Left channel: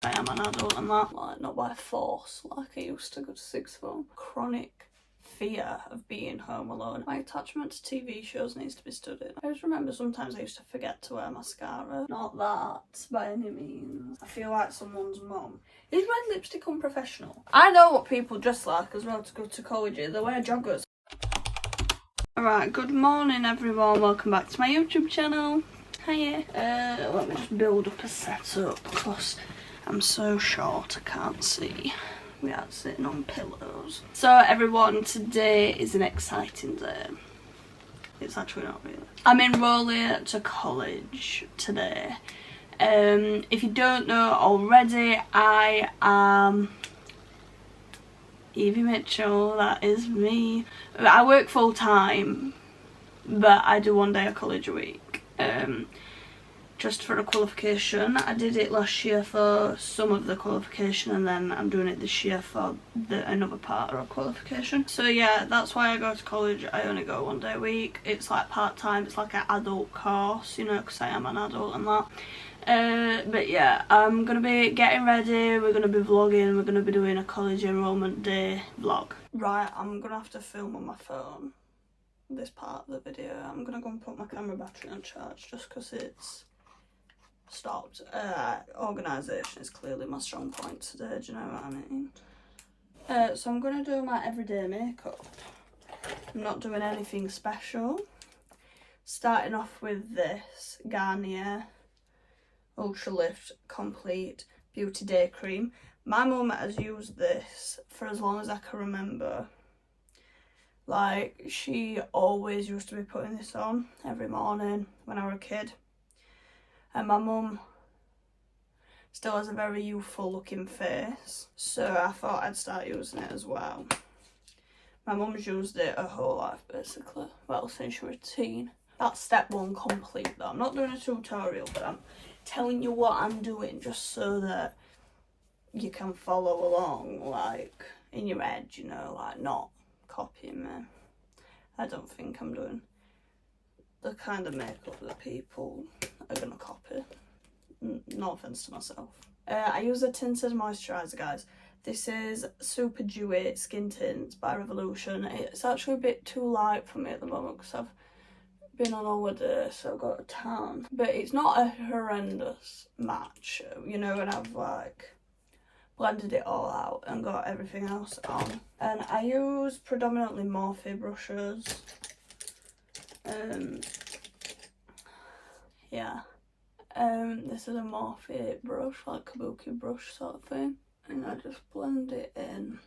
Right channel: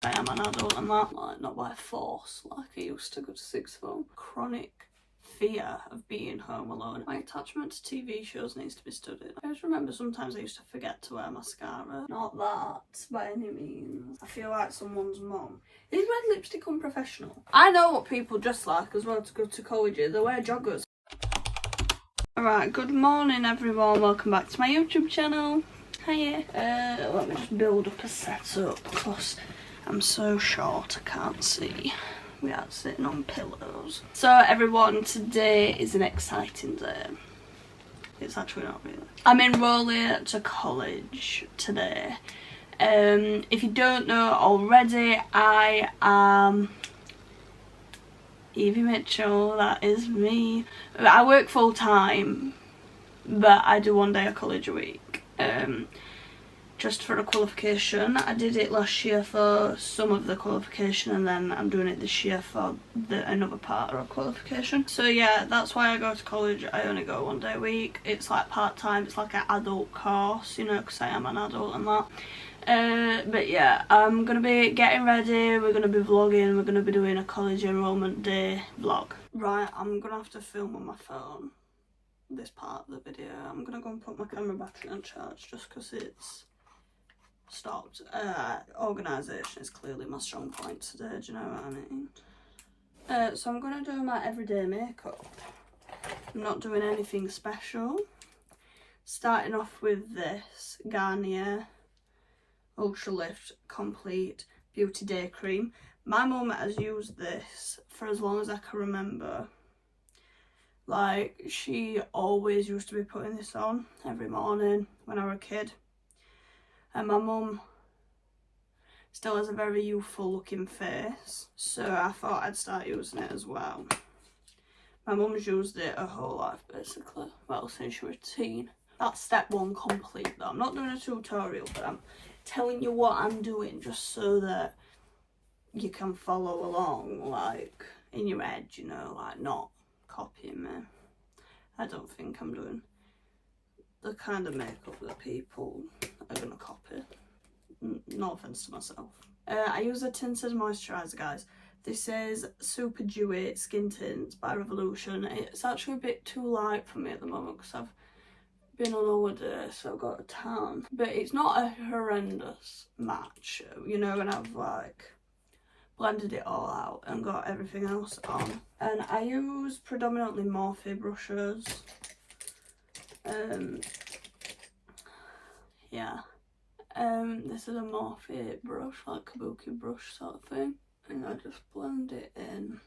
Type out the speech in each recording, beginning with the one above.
I am an adult and that, like, not by force like I used to go to sixth form. Chronic fear of being home alone. My attachment to TV shows needs to be studied. I just remember sometimes I used to forget to wear mascara. Not that by any means. I feel like someone's mum. Is red lipstick unprofessional? I know what people dress like as well to go to college. They wear joggers. Alright, good morning everyone. Welcome back to my YouTube channel. Hiya. Let me just build up a setup because I'm so short I can't see. We are sitting on pillows. So everyone, today is an exciting day. It's actually not really. I'm enrolling to college today. If you don't know already, I am Evie Mitchell, that is me. I work full time, but I do one day of college a week. Just for a qualification. I did it last year for some of the qualification and then I'm doing it this year for another part of a qualification. So yeah, that's why I go to college. I only go one day a week. It's like part-time, it's like an adult course, you know, because I am an adult and that. But yeah, I'm going to be getting ready, we're going to be vlogging, we're going to be doing a college enrollment day vlog. Right, I'm going to have to film on my phone this part of the video. I'm going to go and put my camera battery on charge just because it's stopped. Organisation is clearly my strong point today, do you know what I mean? So I'm going to do my everyday makeup. I'm not doing anything special. Starting off with this Garnier Ultra Lift Complete Beauty Day Cream. My mum has used this for as long as I can remember. Like, she always used to be putting this on every morning when I was a kid. And my mum still has a very youthful looking face, so I thought I'd start using it as well. My mum's used it her whole life basically, well, since she was a teen. That's step one complete though. I'm not doing a tutorial, but I'm telling you what I'm doing just so that you can follow along, like, in your head, you know, like, not copying me. I don't think I'm doing the kind of makeup that people are gonna copy. No offense to myself. I use a tinted moisturiser, guys. This is Super Dewy Skin Tints by Revolution. It's actually a bit too light for me at the moment because I've been on holiday, so I've got a tan. But it's not a horrendous match, you know, when I've like blended it all out and got everything else on. And I use predominantly Morphe brushes. Yeah. This is a Morphe brush, like kabuki brush sort of thing. And I just blend it in.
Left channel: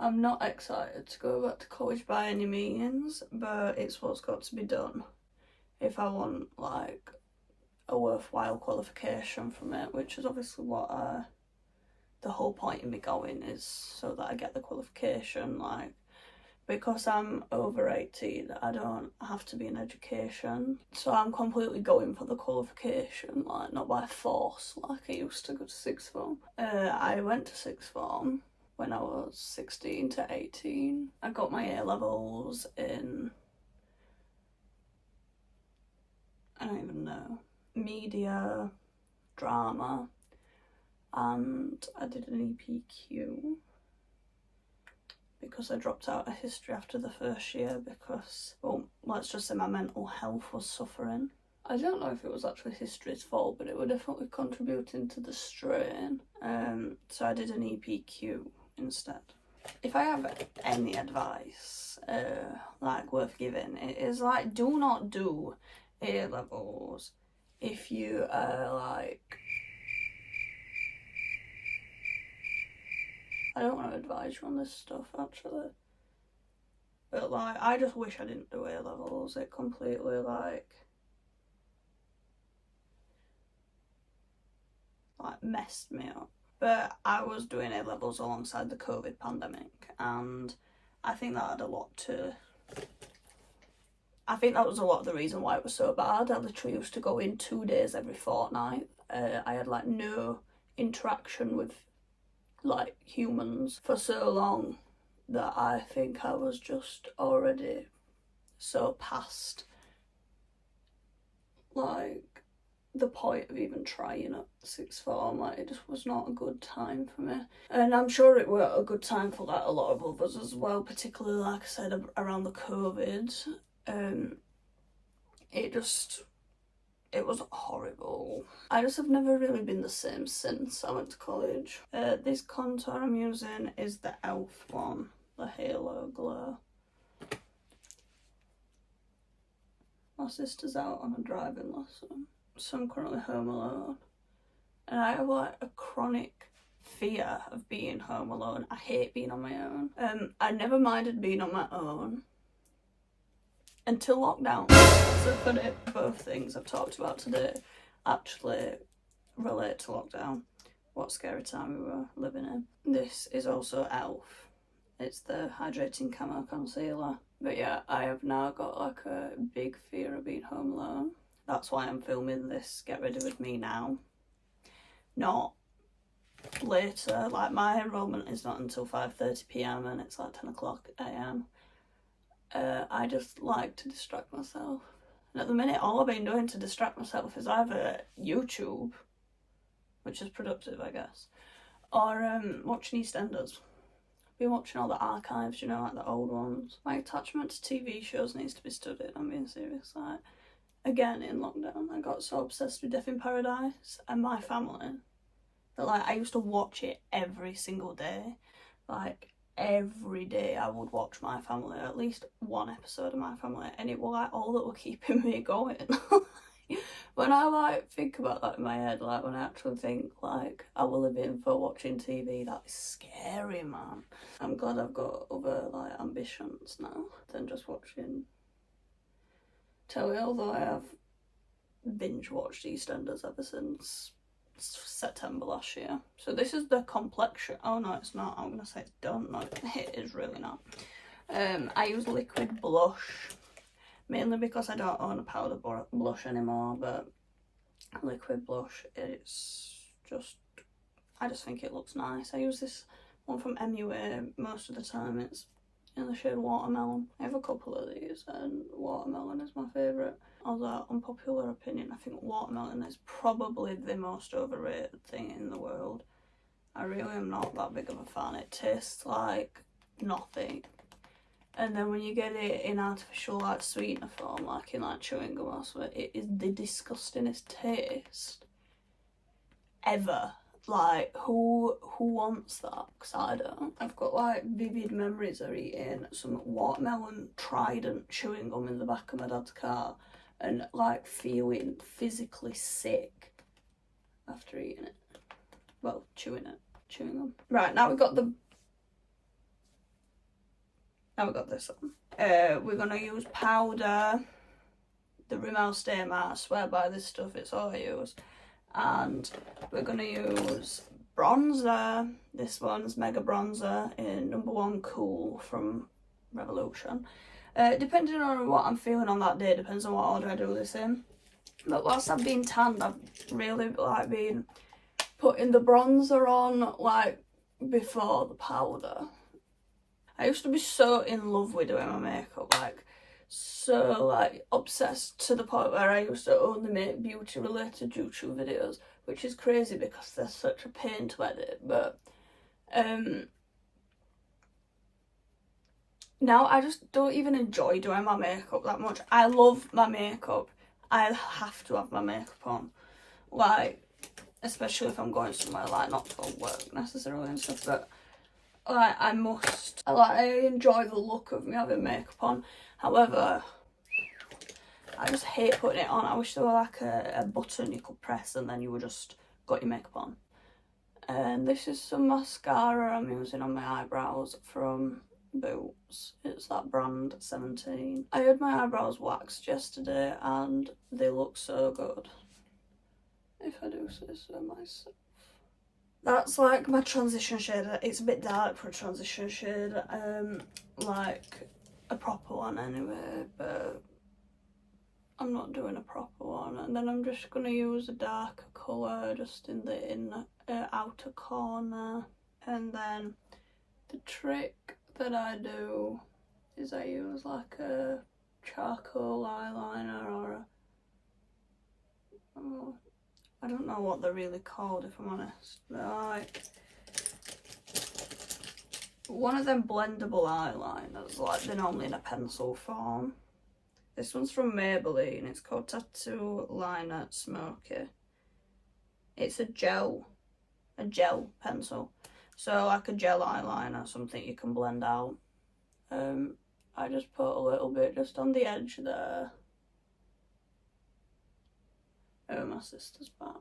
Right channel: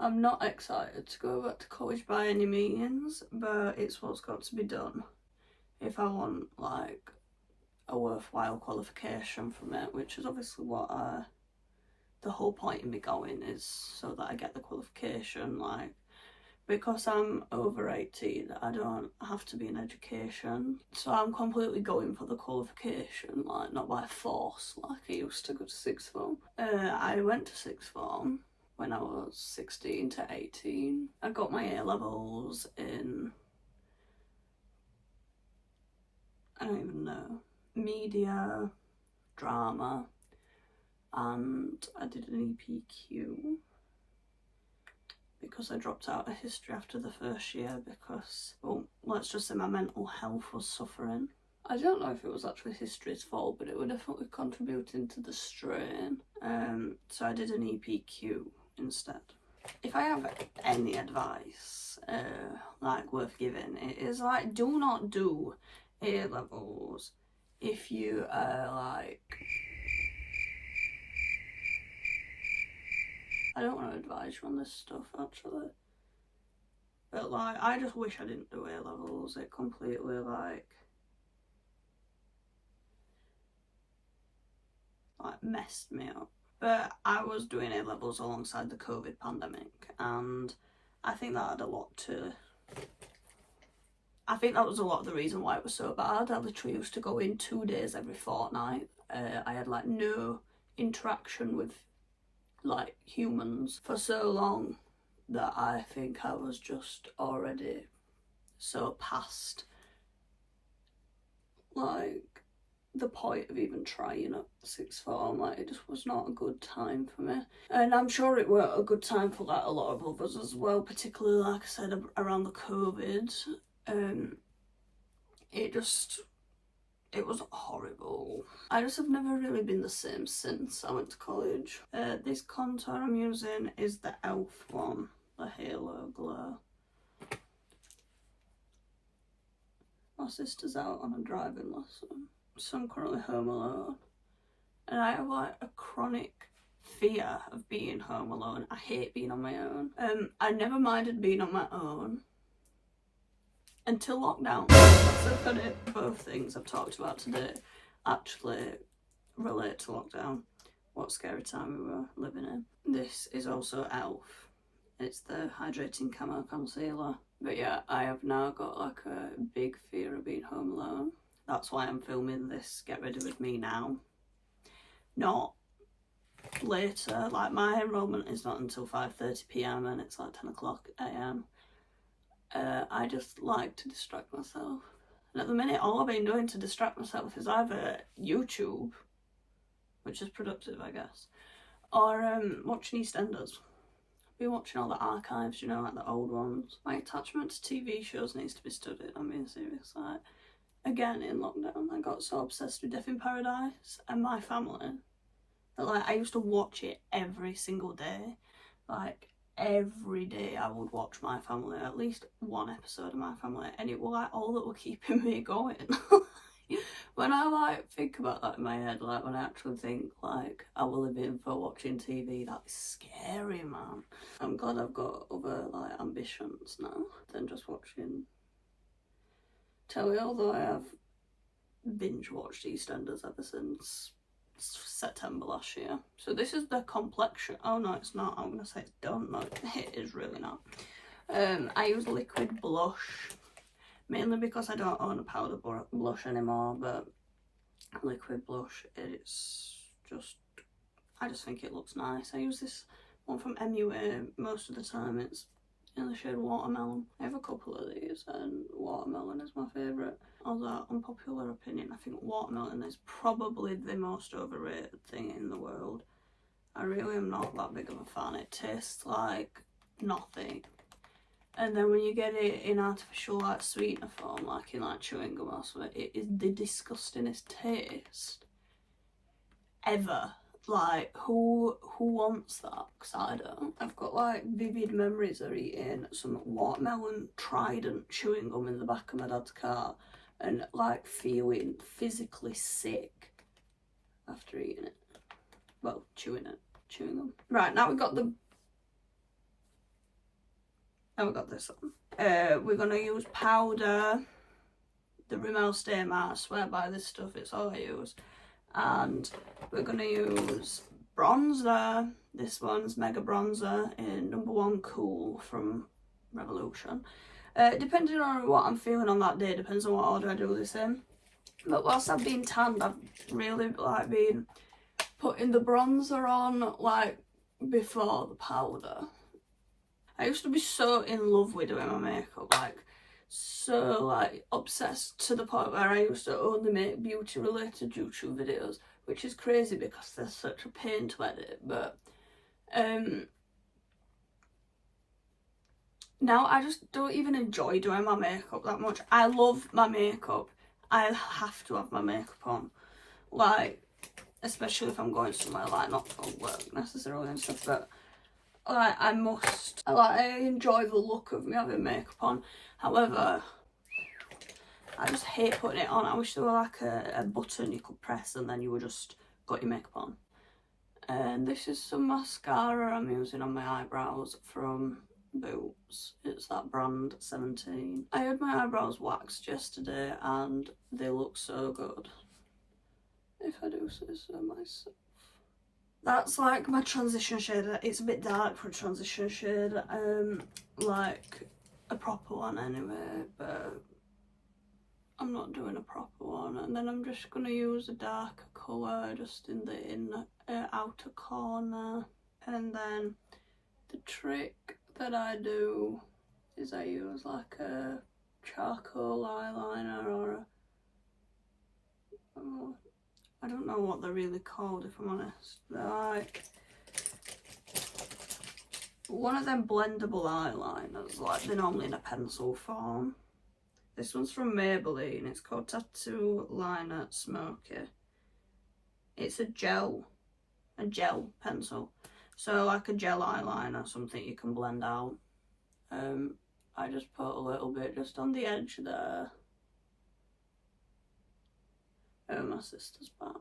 I'm not excited to go back to college by any means, but it's what's got to be done if I want, like, a worthwhile qualification from it, which is obviously what the whole point of me going is, so that I get the qualification. Like, because I'm over 18, I don't have to be in education, so I'm completely going for the qualification, like, not by force like I used to go to sixth form. I went to sixth form when I was 16 to 18. I got my A-levels in, I don't even know, media, drama, and I did an EPQ because I dropped out of history after the first year because, well, let's just say my mental health was suffering. I don't know if it was actually history's fault, but it was definitely contributing to the strain. So I did an EPQ instead. If I have any advice, like, worth giving, it is, like, do not do A-levels if you are, like, I don't want to advise you on this stuff, actually. But, like, I just wish I didn't do A-levels. It completely, like, messed me up. But I was doing A-levels alongside the COVID pandemic, and I think that had a lot to... I think that was a lot of the reason why it was so bad. I literally used to go in 2 days every fortnight. I had, like, no interaction with, like, humans for so long that I think I was just already so past, like, the point of even trying at sixth form. Like, it just was not a good time for me, and I'm sure it were a good time for like a lot of others as well, particularly like I said around the COVID. It was horrible. I just have never really been the same since I went to college. This contour I'm using is the e.l.f. one, the Halo Glow. My sister's out on a driving lesson, so I'm currently home alone. And I have like a chronic fear of being home alone. I hate being on my own. I never minded being on my own until lockdown. So funny, both things I've talked about today actually relate to lockdown. What scary time we were living in. This is also e.l.f. It's the hydrating camo concealer. But yeah, I have now got like a big fear of being home alone. That's why I'm filming this Get Ready With Me now. Not later. Like, my enrollment is not until 5:30 p.m. and it's like 10 o'clock a.m. I just like to distract myself. And at the minute, all I've been doing to distract myself is either YouTube, which is productive, I guess, or watching EastEnders. I've been watching all the archives, you know, like the old ones. My attachment to TV shows needs to be studied, I'm being serious. Like, again, in lockdown, I got so obsessed with Death in Paradise and My Family that, like, I used to watch it every single day. Like, every day I would watch My Family, at least one episode of My Family, and it was like all that were keeping me going. When I like think about that in my head, like when I actually think like I will live in for watching TV, that is scary, man. I'm glad I've got other like ambitions now than just watching telly, although I have binge watched EastEnders ever since September last year. So this is the complexion. Oh no, it's not. I'm gonna say it's done. No, it is really not. I use liquid blush mainly because I don't own a powder blush anymore, but liquid blush, it's just, I just think it looks nice. I use this one from MUA most of the time. It's in the shade Watermelon. I have a couple of these and Watermelon is my favourite. Although, unpopular opinion, I think Watermelon is probably the most overrated thing in the world. I really am not that big of a fan. It tastes like nothing. And then when you get it in artificial like sweetener form, like in like chewing gum or something, it is the disgustingest taste ever. Like, who wants that? Because I don't. I've got like vivid memories of eating some Watermelon Trident chewing gum in the back of my dad's car and like feeling physically sick after eating it. Well, chewing gum. Right, now we've got this on. We're gonna use powder, the Rimmel Stay Matte. I swear by this stuff, it's all I use. And we're gonna use bronzer. This one's Mega Bronzer in No. 1 Cool from Revolution. Depending on what I'm feeling on that day, depends on what order I do this in. But whilst I've been tanned, I've really like been putting the bronzer on like before the powder. I used to be so in love with doing my makeup, like so like obsessed to the point where I used to only make beauty related YouTube videos, which is crazy because they're such a pain to edit. But now I just don't even enjoy doing my makeup that much. I love my makeup. I have to have my makeup on, like, especially if I'm going somewhere, like not for work necessarily and stuff, but like I enjoy the look of me having makeup on. However, I just hate putting it on. I wish there were like a button you could press and then you would just got your makeup on. And this is some mascara I'm using on my eyebrows from Boots. It's that brand 17. I had my eyebrows waxed yesterday and they look so good, if I do say so myself. That's like my transition shade. It's a bit dark for a transition shade, like a proper one anyway, but I'm not doing a proper one. And then I'm just gonna use a darker colour just in the outer corner. And then the trick that I do is I use like a charcoal eyeliner or I don't know what they're really called, if I'm honest. They're like one of them blendable eyeliners, like they're normally in a pencil form. This one's from Maybelline. It's called Tattoo Liner Smoky. It's a gel pencil. So like a gel eyeliner, something you can blend out. I just put a little bit just on the edge there. Oh, my sister's back.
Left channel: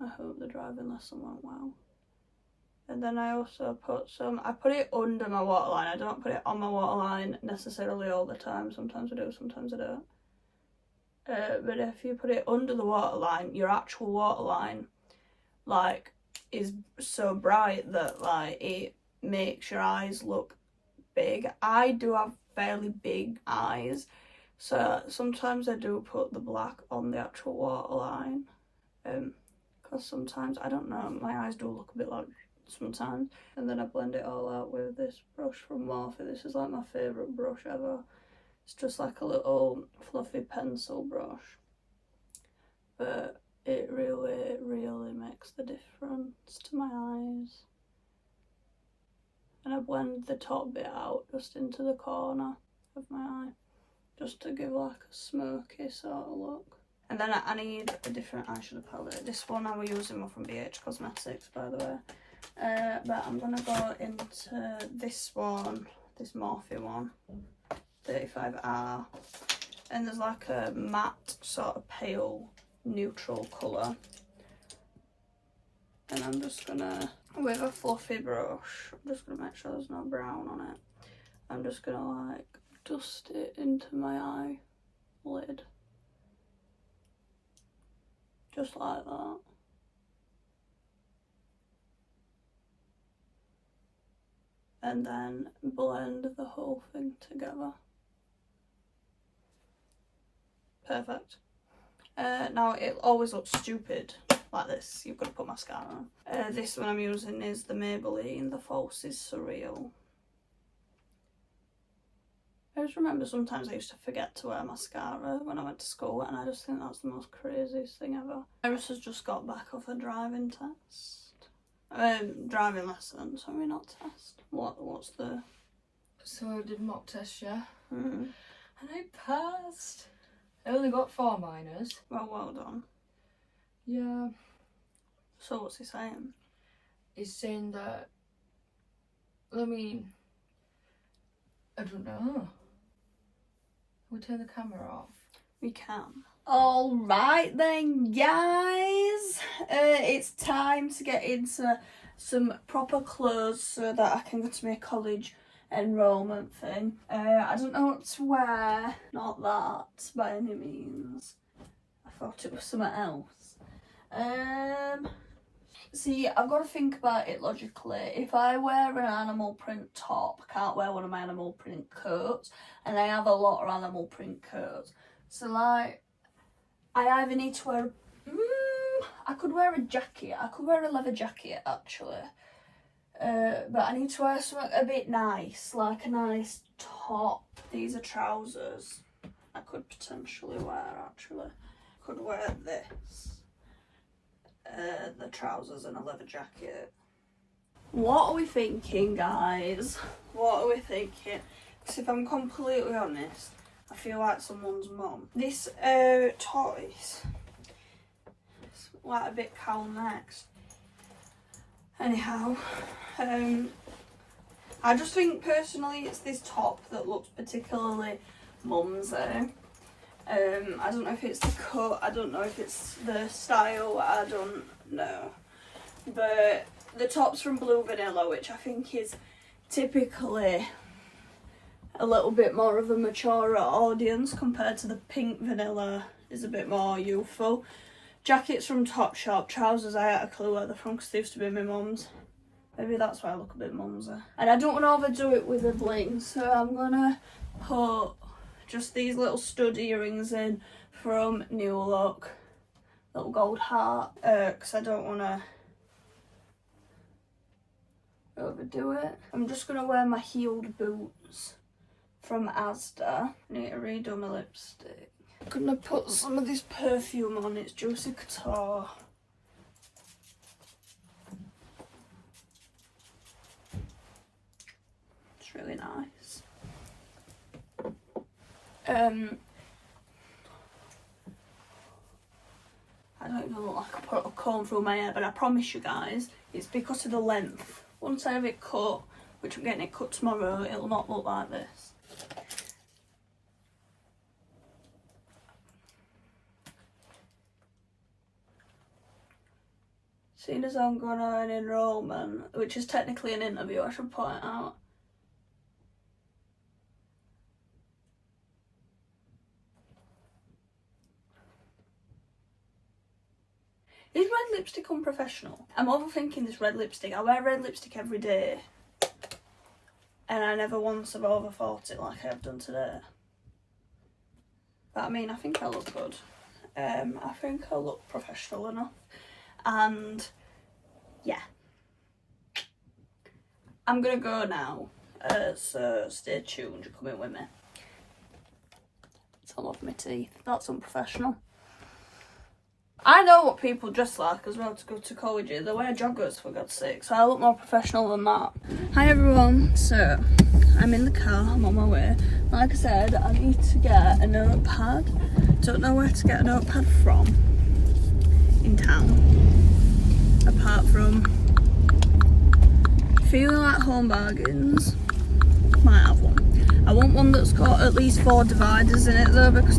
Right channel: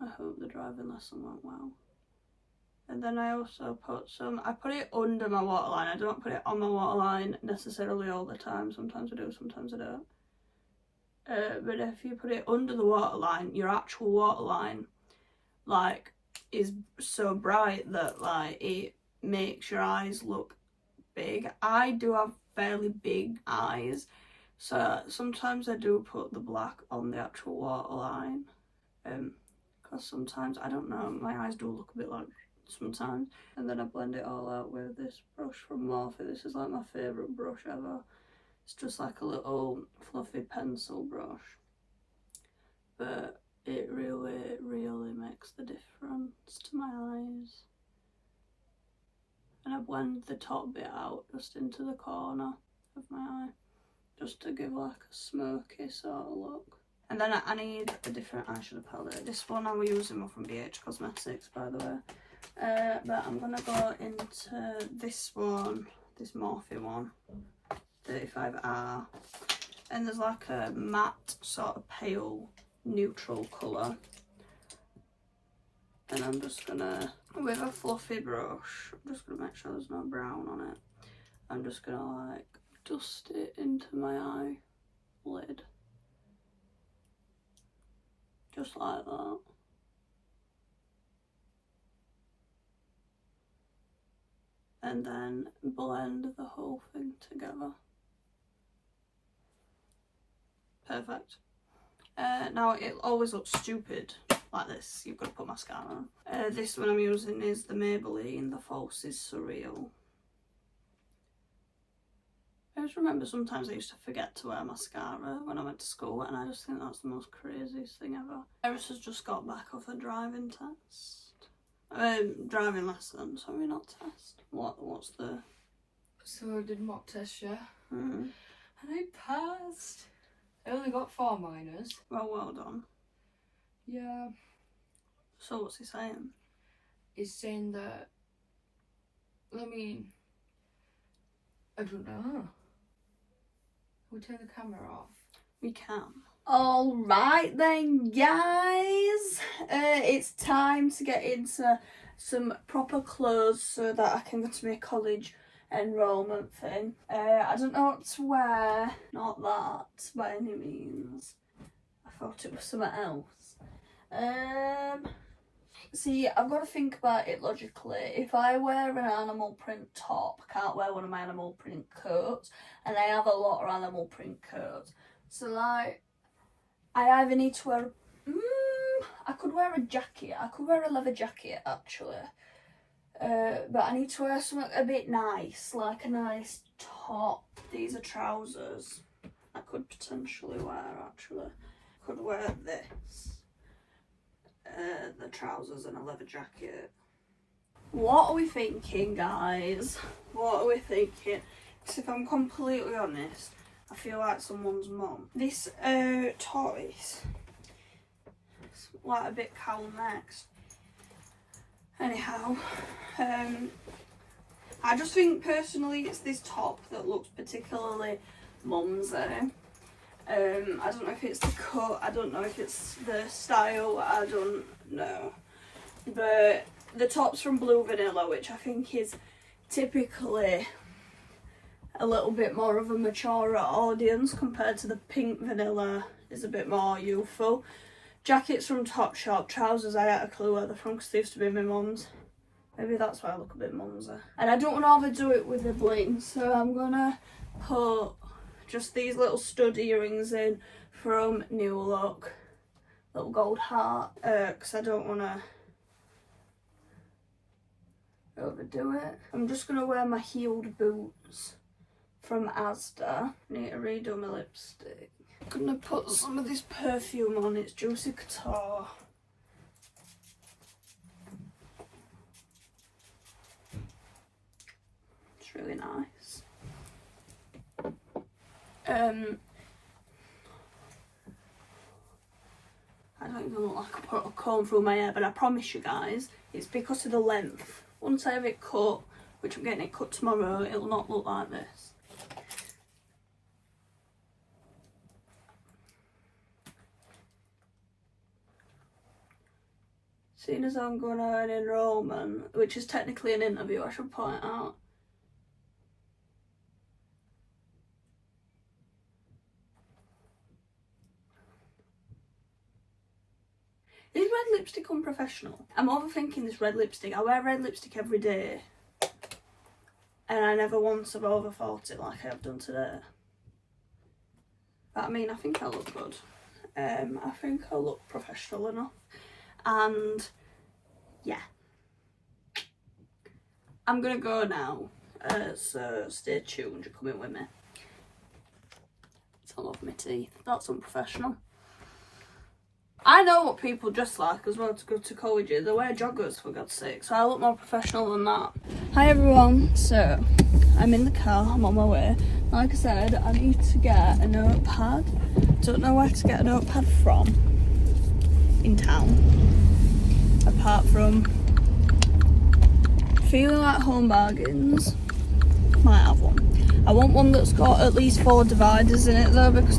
I hope the driving lesson went well. And then I also put I put it under my waterline. I don't put it on my waterline necessarily all the time. Sometimes I do, sometimes I don't. But if you put it under the waterline, your actual waterline, like, is so bright that, like, it makes your eyes look big. I do have fairly big eyes, so sometimes I do put the black on the actual waterline. Because sometimes, I don't know, my eyes do look a bit like sometimes. And then I blend it all out with this brush from Morphe. This is like my favourite brush ever. It's just like a little fluffy pencil brush, but it really, really makes the difference to my eyes. And I blend the top bit out just into the corner of my eye, just to give like a smoky sort of look. And then I need a different eyeshadow palette. This one I was using one from BH Cosmetics, by the way. But I'm gonna go into this one, this Morphe one, 35R. And there's like a matte sort of pale neutral colour. And I'm just gonna, with a fluffy brush, I'm just gonna make sure there's no brown on it. I'm just gonna like dust it into my eyelid. Just like that. And then blend the whole thing together. Perfect. Now it always looks stupid like this. You've got to put mascara on. This one I'm using is the Maybelline The False is Surreal. I just remember sometimes I used to forget to wear mascara when I went to school, and I just think that's the most craziest thing ever. Iris has just got back off a driving test. Driving lesson, sorry, not test. What's the... So I did mock test, yeah? Mm. And I passed. I only got 4 minors. Well done. Yeah. So what's he saying? He's saying that, I mean, I don't know. We turn the camera off. We can. Alright then, guys. It's time to get into some proper clothes so that I can go to my college enrollment thing. I don't know what to wear. Not that, by any means. I thought it was something else. See, I've got to think about it logically. If I wear an animal print top, I can't wear one of my animal print coats, and I have a lot of animal print coats. So, like, I either need to wear... I could wear a jacket. I could wear a leather jacket, actually. But I need to wear something a bit nice, like a nice top. These are trousers I could potentially wear, actually. I could wear this. The trousers and a leather jacket. What are we thinking, guys? What are we thinking? Because if I'm completely honest, I feel like someone's mum. This tortoise, it's like a bit cowl next. Anyhow, I just think personally it's this top that looks particularly mumsy. I don't know if it's the cut, I don't know if it's the style, I don't know. But the top's from Blue Vanilla, which I think is typically a little bit more of a mature audience compared to the Pink Vanilla is a bit more youthful. Jackets from Topshop, trousers I had a clue where they're from because they used to be my mum's. Maybe that's why I look a bit mumsy. And I don't want to overdo it with the bling, so I'm gonna put just these little stud earrings in from New Look. Little gold heart, because I don't want to overdo it. I'm just going to wear my heeled boots from Asda. I need to redo my lipstick. gonna put some of this perfume on. It's Juicy Couture. It's really nice. I don't even look like I put a comb through my hair, but I promise you guys, it's because of the length. Once I have it cut, which I'm getting it cut tomorrow, it'll not look like this. Seeing as I'm going on an enrollment, which is technically an interview, I should point out. Is red lipstick unprofessional? I'm overthinking this red lipstick. I wear red lipstick every day. And I never once have overthought it like I have done today. But I mean, I think I look good. I think I look professional enough. And yeah. I'm gonna go now. So stay tuned, you're coming with me. It's all over my teeth. That's unprofessional. I know what people dress like as well to go to college. They wear joggers, for God's sake, so I look more professional than that. Hi everyone, so I'm in the car, I'm on my way. Like I said, I need to get a notepad. Don't know where to get a notepad from in town, apart from feeling like Home Bargains. Might have one. I want one that's got at least 4 dividers in it though, because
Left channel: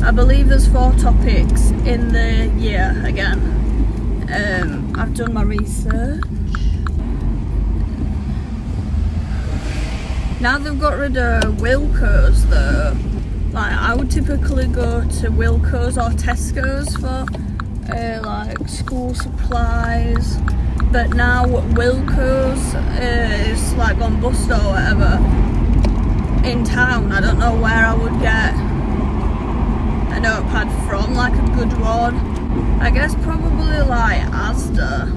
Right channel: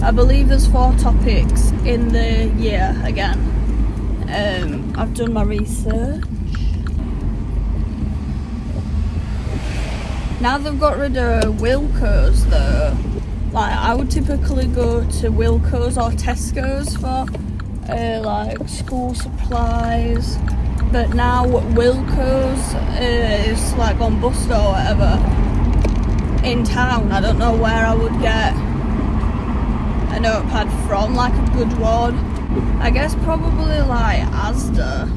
I believe there's 4 topics in the year again. I've done my research. Now they've got rid of Wilko's though, like I would typically go to Wilko's or Tesco's for like school supplies, but now Wilko's is like on bust or whatever in town. I don't know where I would get a notepad from, like a good one. I guess probably like Asda,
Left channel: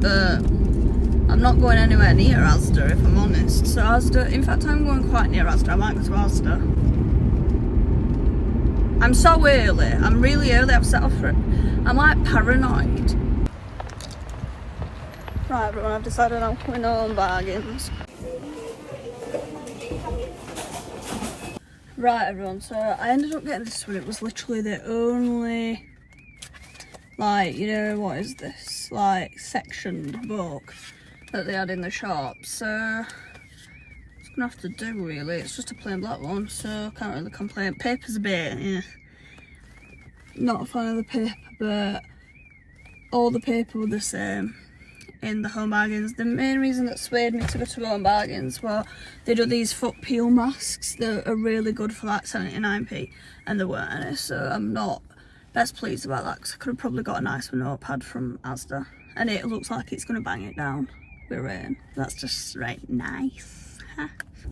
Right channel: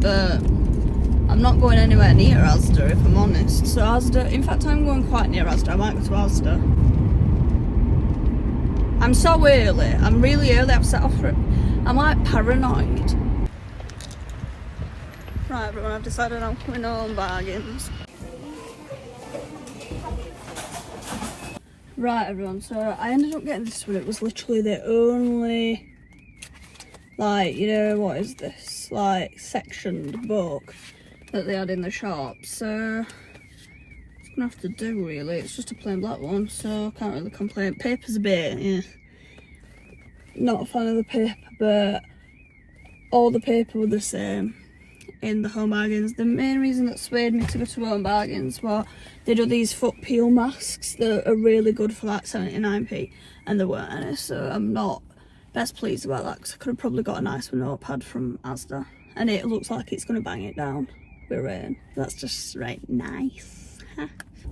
but I'm not going anywhere near Asda if I'm honest. So Asda, in fact I'm going quite near Asda, I might go to Asda. I'm so early, I'm really early, I've set off for it. I'm like paranoid. Right everyone, I've decided I'm coming home Bargains. Right everyone, so I ended up getting this one. It was literally the only, like, you know, what is this, like sectioned book that they had in the shop, so it's gonna have to do really. It's just a plain black one, so I can't really complain. Paper's a bit, yeah, not a fan of the paper, but all the paper were the same in the Home Bargains. The main reason that swayed me to go to Home Bargains was they do these foot peel masks that are really good for like 79p, and there weren't any, so I'm not best pleased about that, because I could have probably got a nicer notepad from Asda, and it looks like it's going to bang it down with rain. That's just right nice.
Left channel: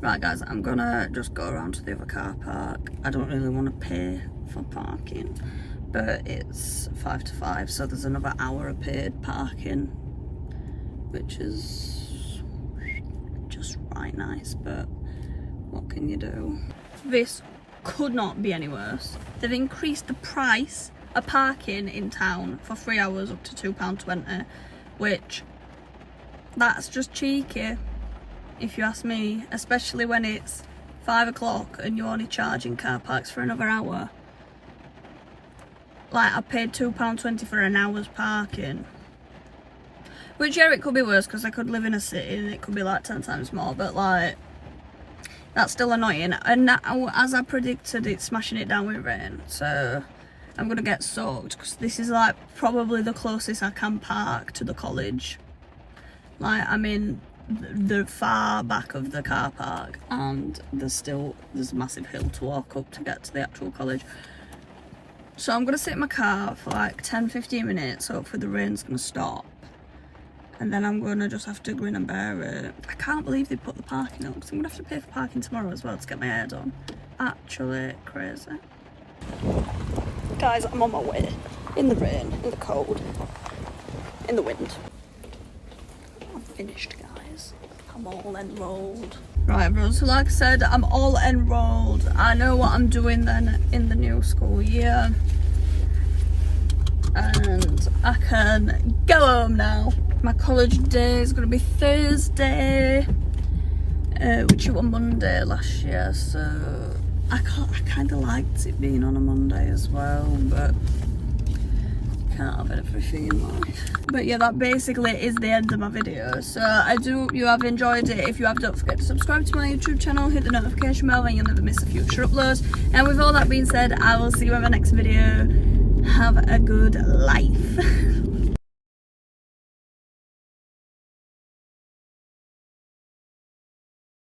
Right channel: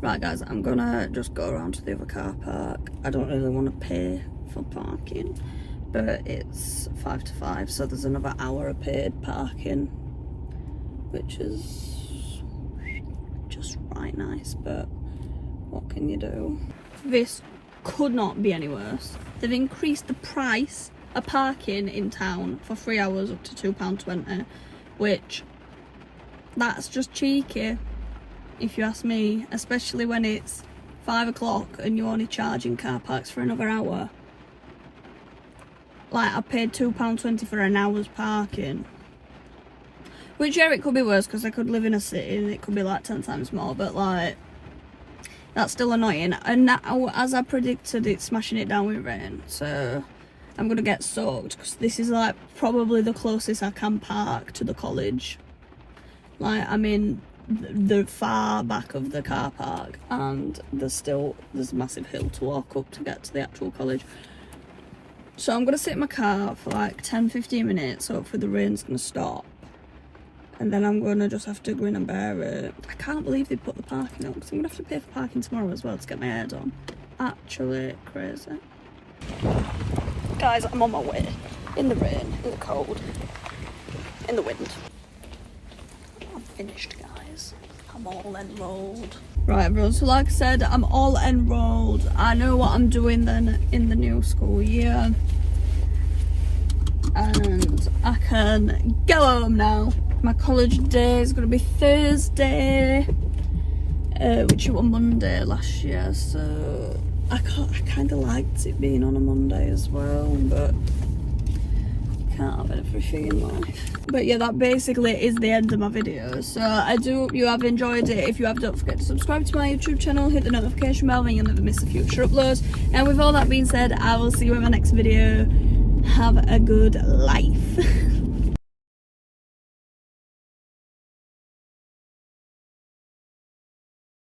Right guys, I'm gonna just go around to the other car park. I don't really want to pay for parking, but it's 5 to 5, so there's another hour of paid parking, which is just right nice, but what can you do? This could not be any worse. They've increased the price of parking in town for 3 hours up to £2.20, which, that's just cheeky, if you ask me, especially when it's 5 o'clock and you're only charging car parks for another hour. Like, I paid £2.20 for an hour's parking. Which, yeah, it could be worse, because I could live in a city and it could be like 10 times more, but like, that's still annoying. And now, as I predicted, it's smashing it down with rain, so I'm gonna get soaked, because this is like probably the closest I can park to the college. Like, I'm in the far back of the car park, and there's a massive hill to walk up to get to the actual college. So I'm gonna sit in my car for like 10-15 minutes, hopefully the rain's gonna stop, and then I'm gonna just have to grin and bear it. I can't believe they put the parking up, because I'm gonna have to pay for parking tomorrow as well to get my hair done. Actually crazy. Guys, I'm on my way. In the rain, in the cold, in the wind. I've finished, guys. I'm all enrolled. Right, everyone, so like I said, I'm all enrolled. I know what I'm doing then in the new school year. And I can go home now. My college day is going to be Thursday, which was Monday last year, so I kind of liked it being on a Monday as well, but can't have everything in life. But yeah, that basically is the end of my video. So I do hope you have enjoyed it. If you have, don't forget to subscribe to my YouTube channel, hit the notification bell, and you'll never miss a future upload. And with all that being said, I will see you in my next video. Have a good life.